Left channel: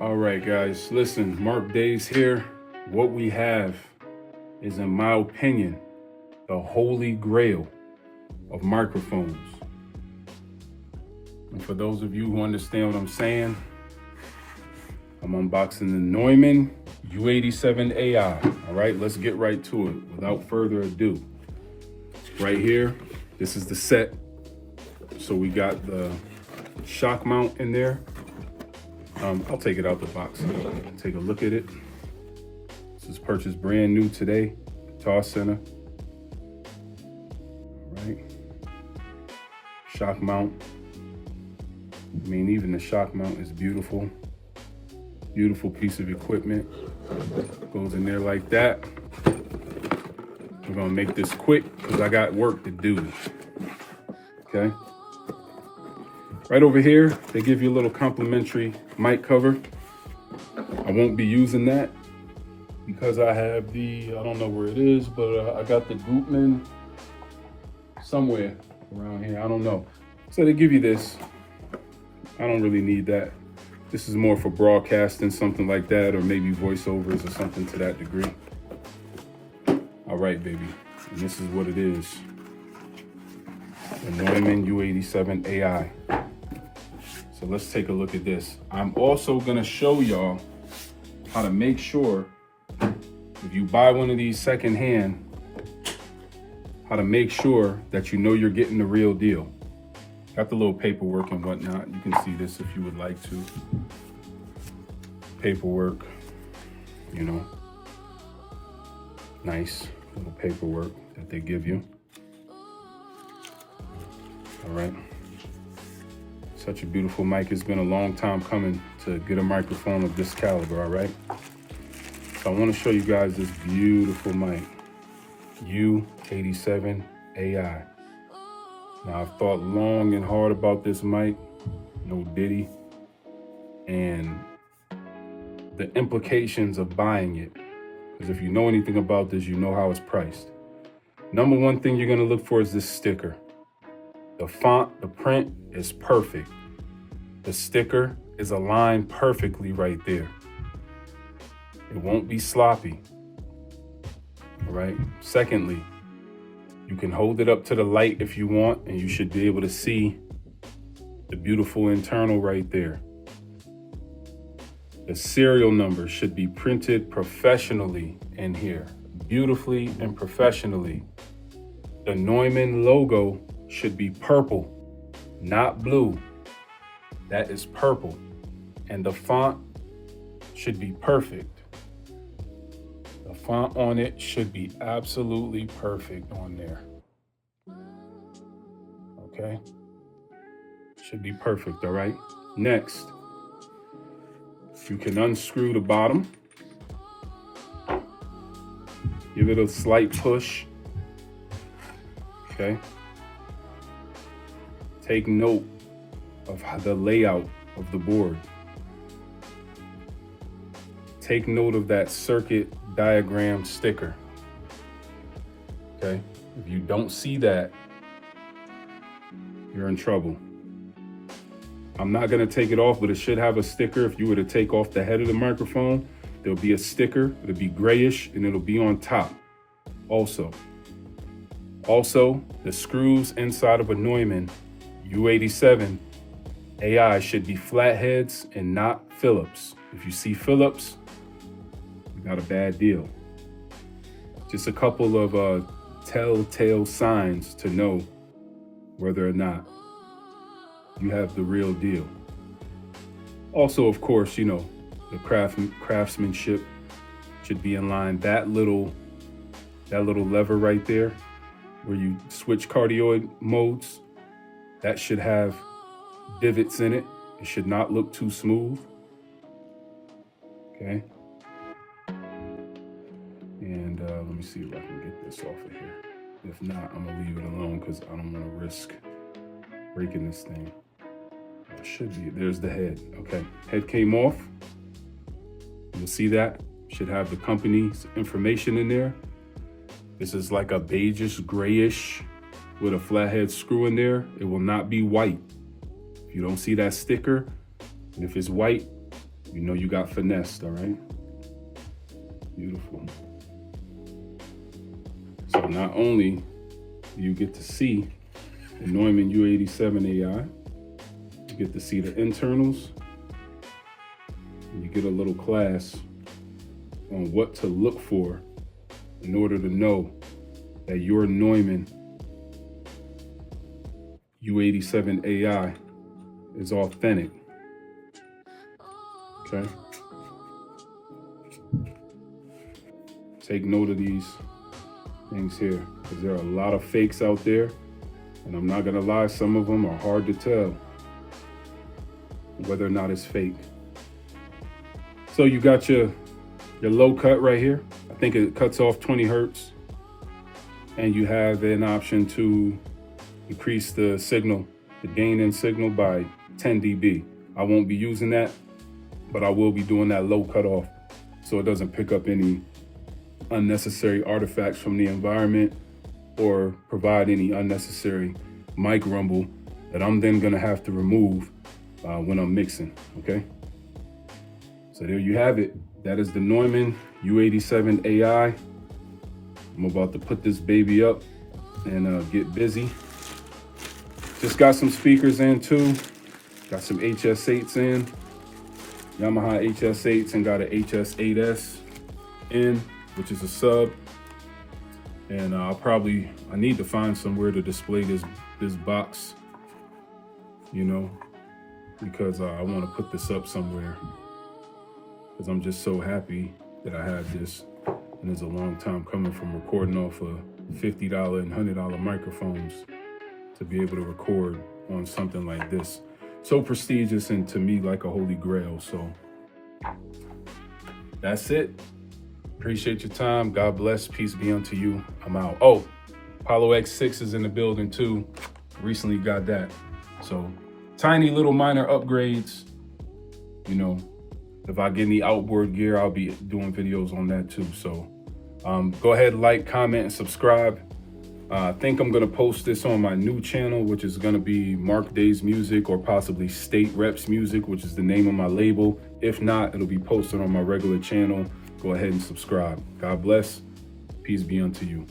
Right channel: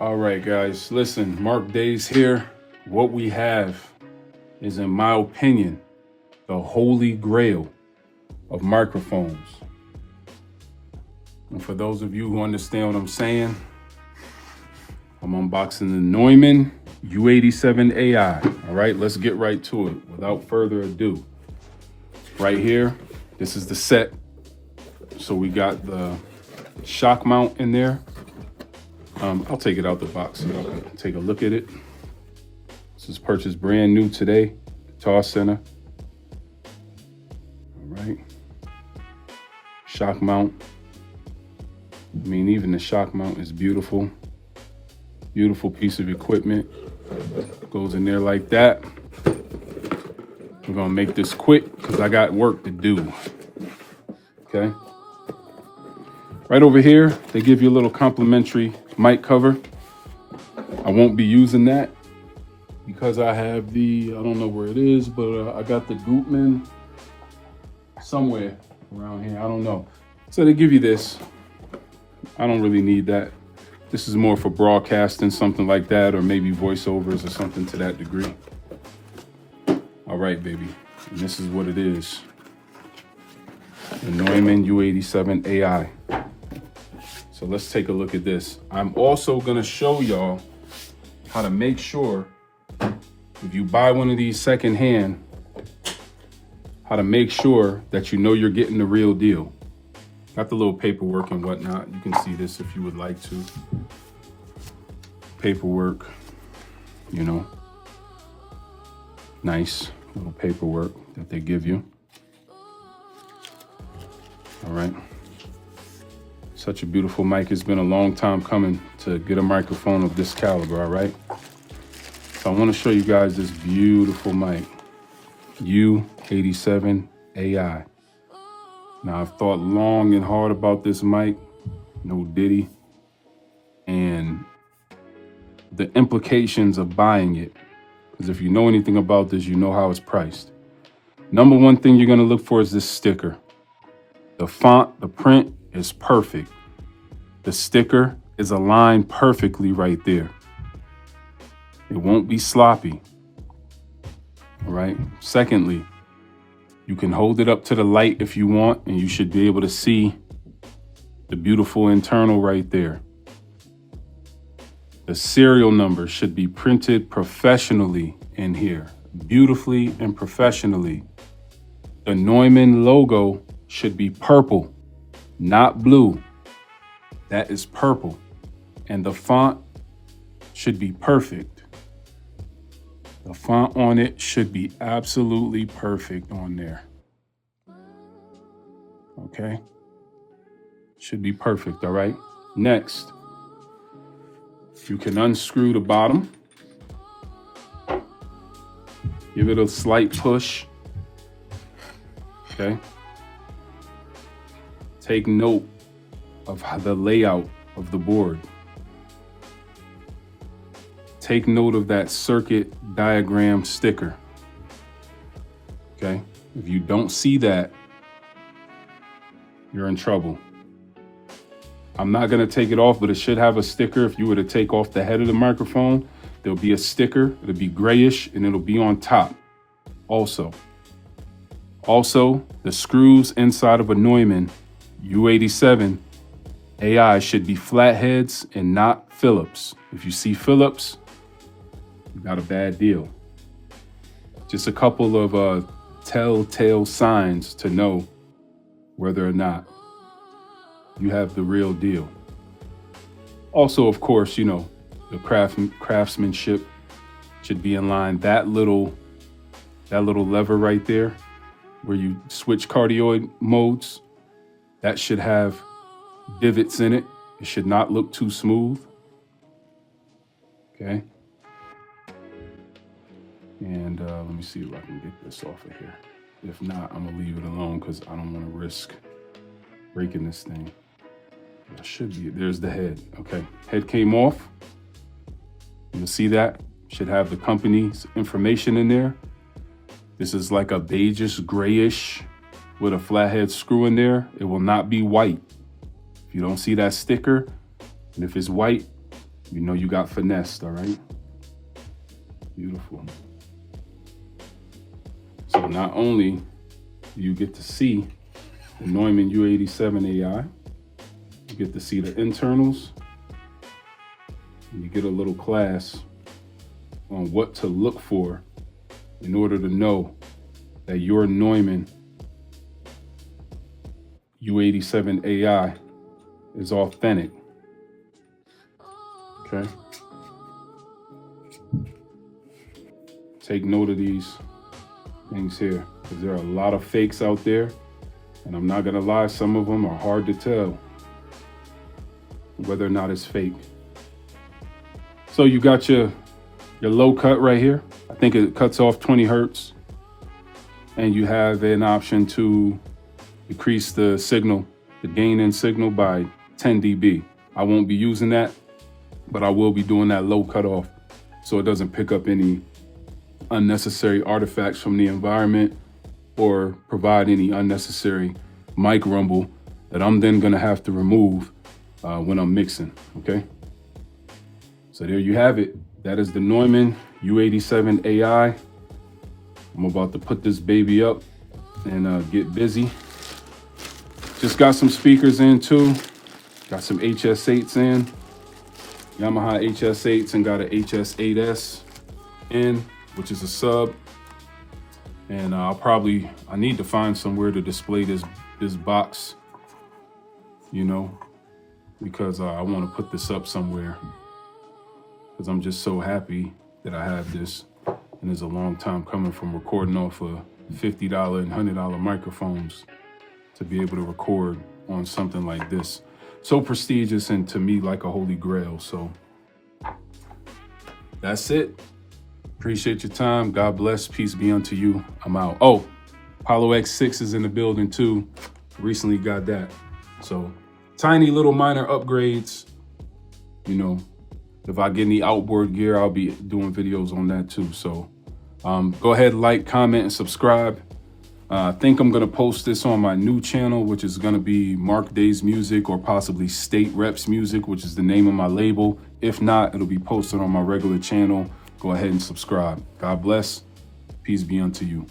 All right, guys, listen, Mark Days here. What we have is, in my opinion, the holy grail of microphones. And for those of you who understand what I'm saying, I'm unboxing the Neumann U87 Ai. All right, let's get right to it without further ado. Right here, this is the set. So we got the shock mount in there. I'll take it out the box so you can take a look at it. This is purchased brand new today, Guitar Center. All right, shock mount. I mean, even the shock mount is beautiful. Beautiful piece of equipment. Goes in there like that. We're gonna make this quick because I got work to do. Okay. Right over here, they give you a little complimentary mic cover. I won't be using that because I have the, I don't know where it is, but I got the Gutmann somewhere around here. I don't know. So they give you this. I don't really need that. This is more for broadcasting, something like that, or maybe voiceovers or something to that degree. All right, baby. And this is what it is. The Neumann U87 Ai. So let's take a look at this. I'm also gonna show y'all how to make sure, if you buy one of these secondhand, how to make sure that you know you're getting the real deal. Got the little paperwork and whatnot. You can see this if you would like to. Paperwork, you know, nice little paperwork that they give you. All right. Such a beautiful mic. It's been a long time coming to get a microphone of this caliber, all right? So I want to show you guys this beautiful mic, U87 Ai. Now, I've thought long and hard about this mic, no diddy, and the implications of buying it. Because if you know anything about this, you know how it's priced. Number one thing you're gonna look for is this sticker. The font, the print is perfect. The sticker is aligned perfectly right there. It won't be sloppy, all right? Secondly, you can hold it up to the light if you want, and you should be able to see the beautiful internal right there. The serial number should be printed professionally in here, beautifully and professionally. The Neumann logo should be purple, not blue. That is purple. And the font should be perfect. The font on it should be absolutely perfect on there. Okay? Should be perfect, all right? Next, you can unscrew the bottom. Give it a slight push. Okay? Take note of the layout of the board. Take note of that circuit diagram sticker. Okay? If you don't see that, you're in trouble. I'm not gonna take it off, but it should have a sticker. If you were to take off the head of the microphone, there'll be a sticker. It'll be grayish and it'll be on top also. Also, the screws inside of a Neumann U87 Ai should be flatheads and not Phillips. If you see Phillips, you got a bad deal. Just a couple of telltale signs to know whether or not you have the real deal. Also, of course, you know, the craftsmanship should be in line. That little lever right there where you switch cardioid modes, that should have divots in it. It should not look too smooth. Okay. And let me see if I can get this off of here. If not, I'm gonna leave it alone because I don't want to risk breaking this thing. I should be, there's the head. Okay, head came off. You'll see that. Should have the company's information in there. This is like a beigeish grayish with a flathead screw in there. It will not be white. If you don't see that sticker, and if it's white, You know you got finessed, all right? Beautiful. So not only do you get to see the Neumann U87 Ai, you get to see the internals, and you get a little class on what to look for in order to know that your Neumann U87 Ai is authentic. Okay? Take note of these things here, because there are a lot of fakes out there, and I'm not gonna lie, some of them are hard to tell whether or not it's fake. So you got your low cut right here. I think it cuts off 20 hertz, and you have an option to decrease the signal, the gain in signal by 10 dB. I won't be using that, but I will be doing that low cutoff so it doesn't pick up any unnecessary artifacts from the environment or provide any unnecessary mic rumble that I'm then gonna have to remove when I'm mixing, okay? So there you have it. That is the Neumann U87 Ai. I'm about to put this baby up and get busy. Just got some speakers in too. Got some HS8s in. Yamaha HS8s, and got an HS8S in, which is a sub. And I need to find somewhere to display this box, you know, because I want to put this up somewhere, because I'm just so happy that I have this. And it's a long time coming from recording off of $50 and $100 microphones to be able to record on something like this. So prestigious, and to me like a holy grail. So that's it. Appreciate your time. God bless. Peace be unto you. I'm out. Oh, Apollo X6 is in the building too. Recently got that. So tiny little minor upgrades. You know, if I get any outboard gear, I'll be doing videos on that too. So go ahead, like, comment, and subscribe. I think I'm gonna post this on my new channel, which is gonna be Mark Days Music, or possibly State Reps Music, which is the name of my label. If not, it'll be posted on my regular channel. Go ahead and subscribe. God bless. Peace be unto you.